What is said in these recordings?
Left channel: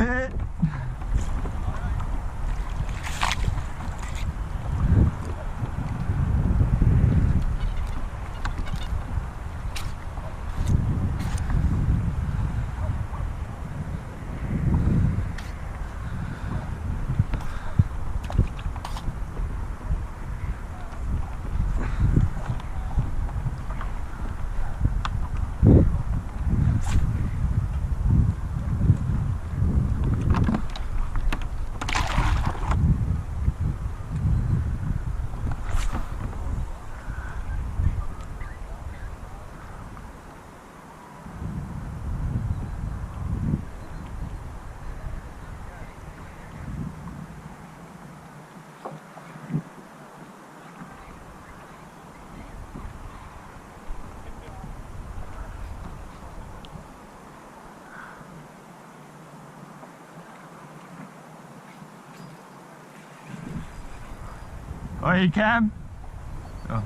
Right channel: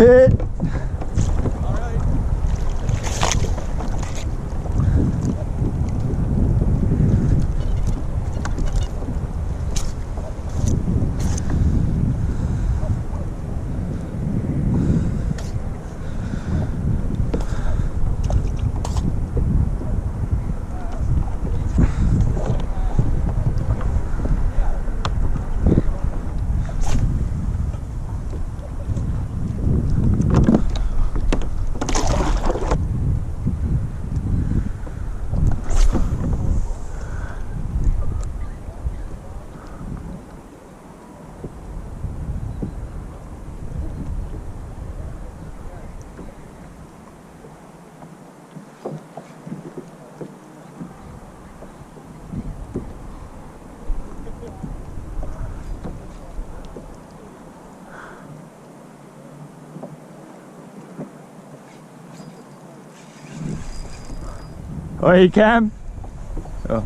Eh. Oi, Cam. Oh.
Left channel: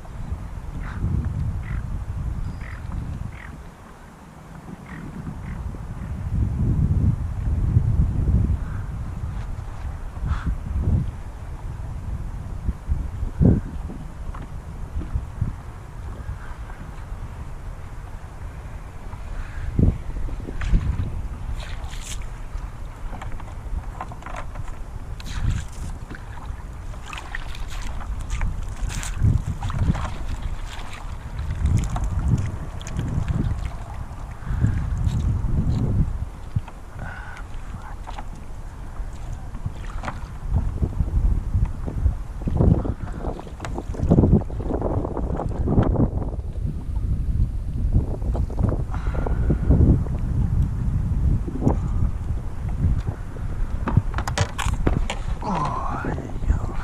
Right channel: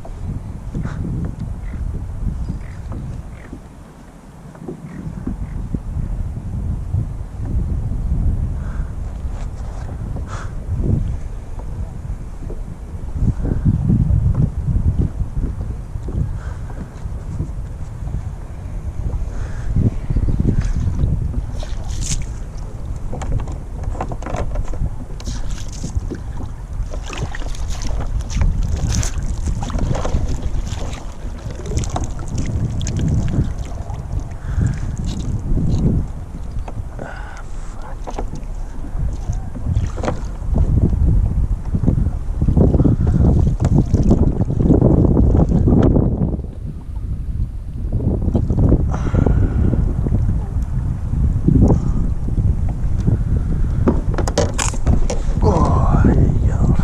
Oh, there you go.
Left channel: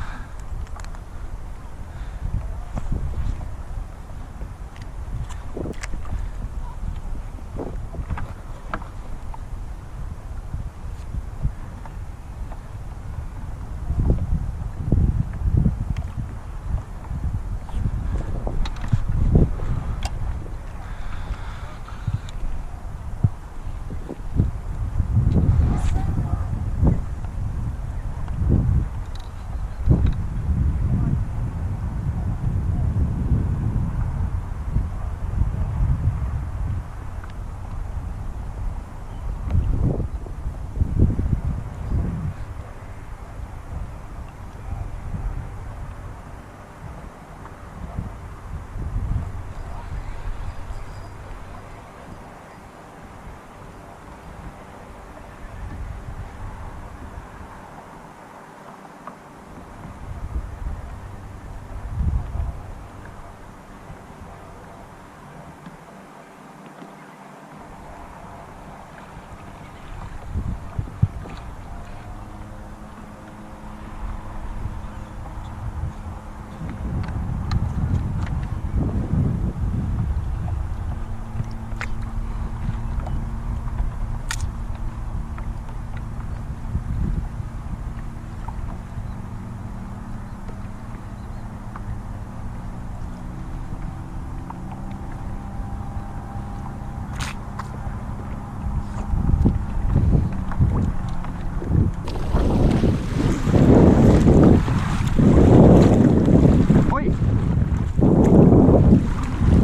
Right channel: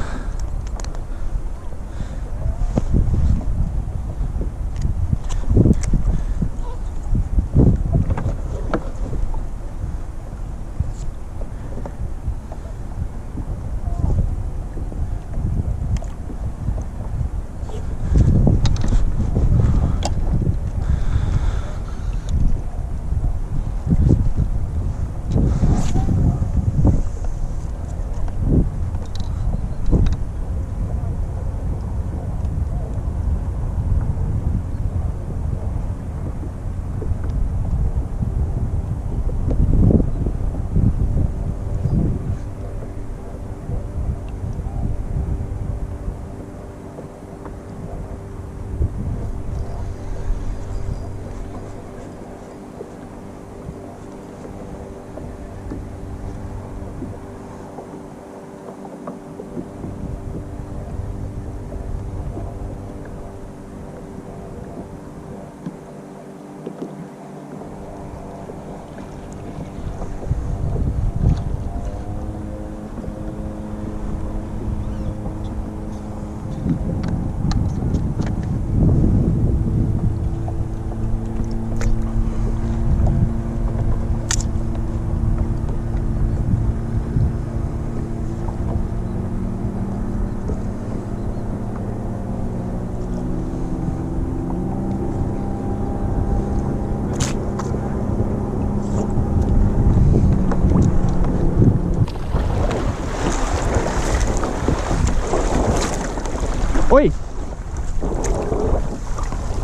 Oi!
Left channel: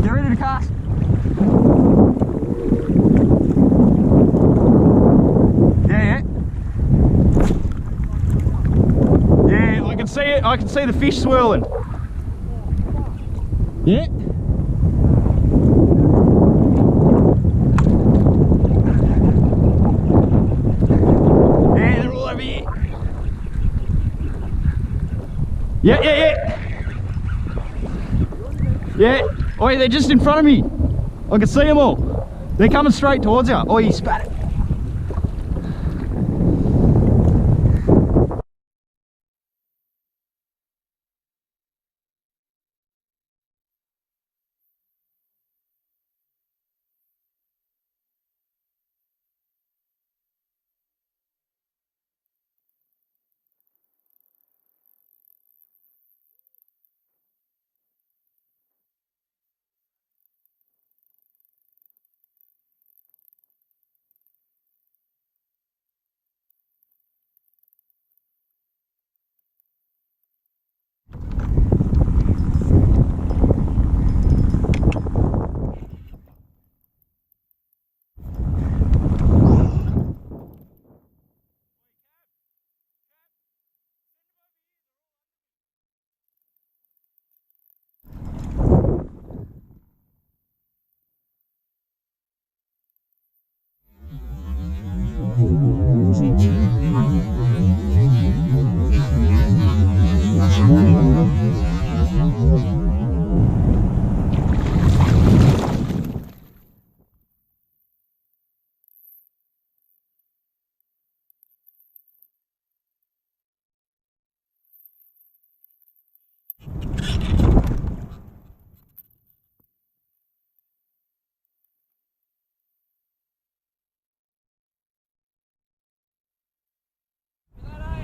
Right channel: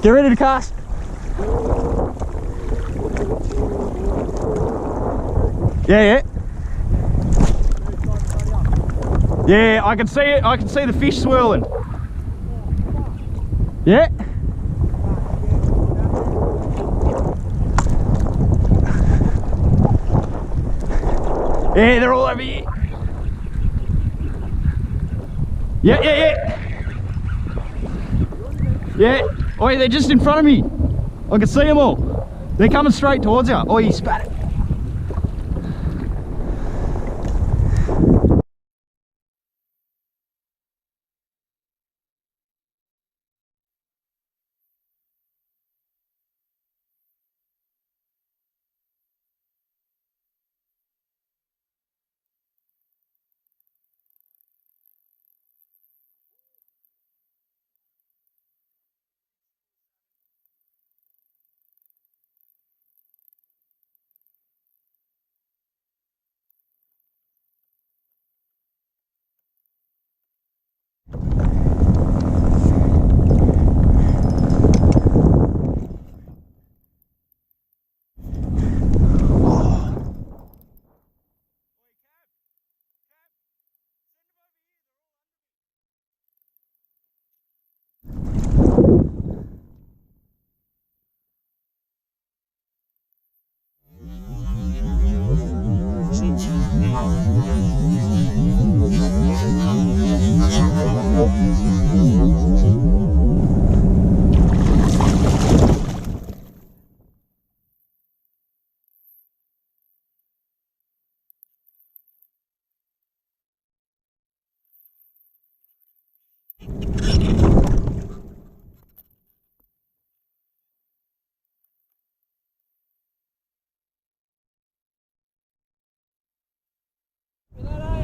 Get ready to cast. Yeah, yeah. Yeah, I can see it. I can see the fish swirling. Yeah. Yeah, they're all over here. Yeah, yeah, yeah. Yeah. Oh, they're just in front of me. I can see them all. They're coming straight towards you. Oh, you spat it.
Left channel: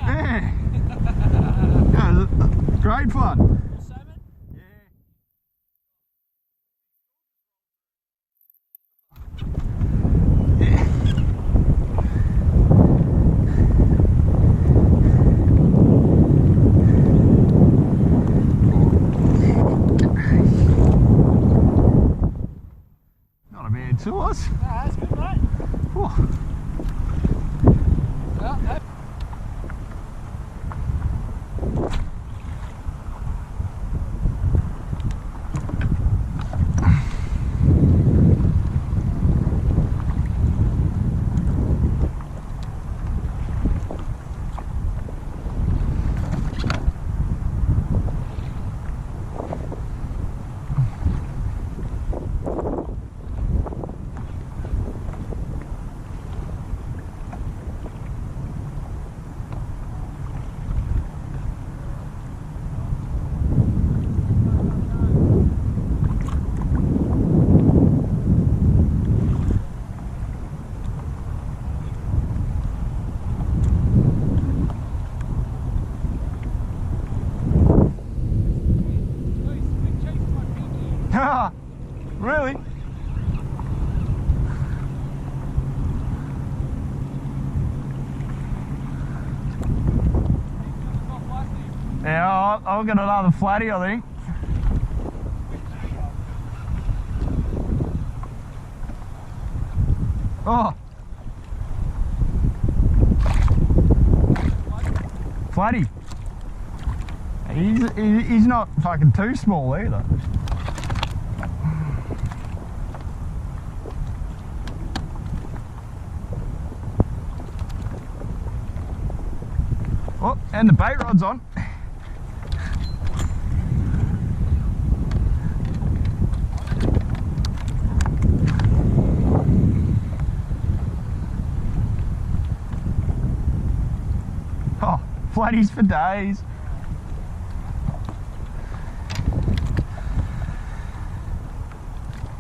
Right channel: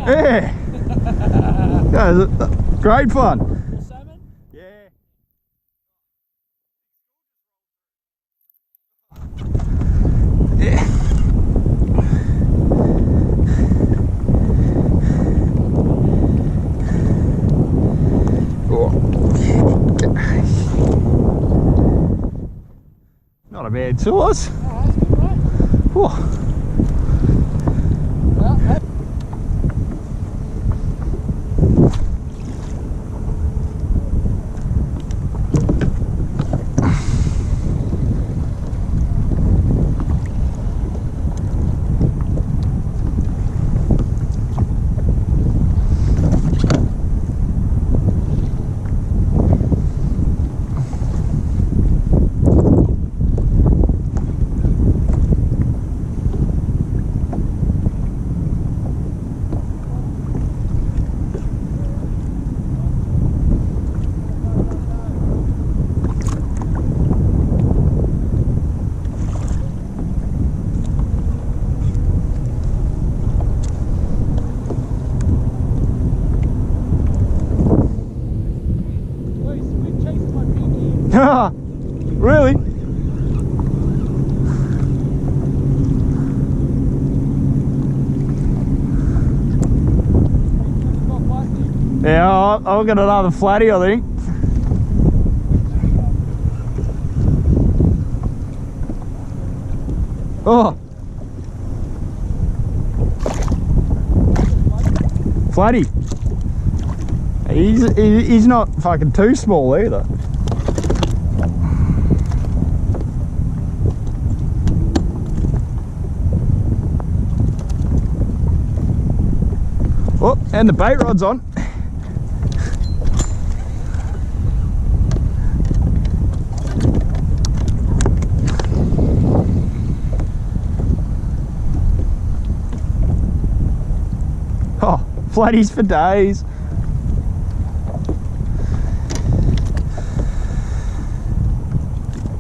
Yeah. Yeah, great fun. Salmon? Yeah. Yeah. Oh. Not a bad sauce. Ah, that's good, mate. Oh. Well, that We're chasing my pinky. Really? Yeah, I'll get another flatty, I think. Oh. Flatty. He's not fucking too small either. Oh, and the bait rod's on. Oh, flatties for days.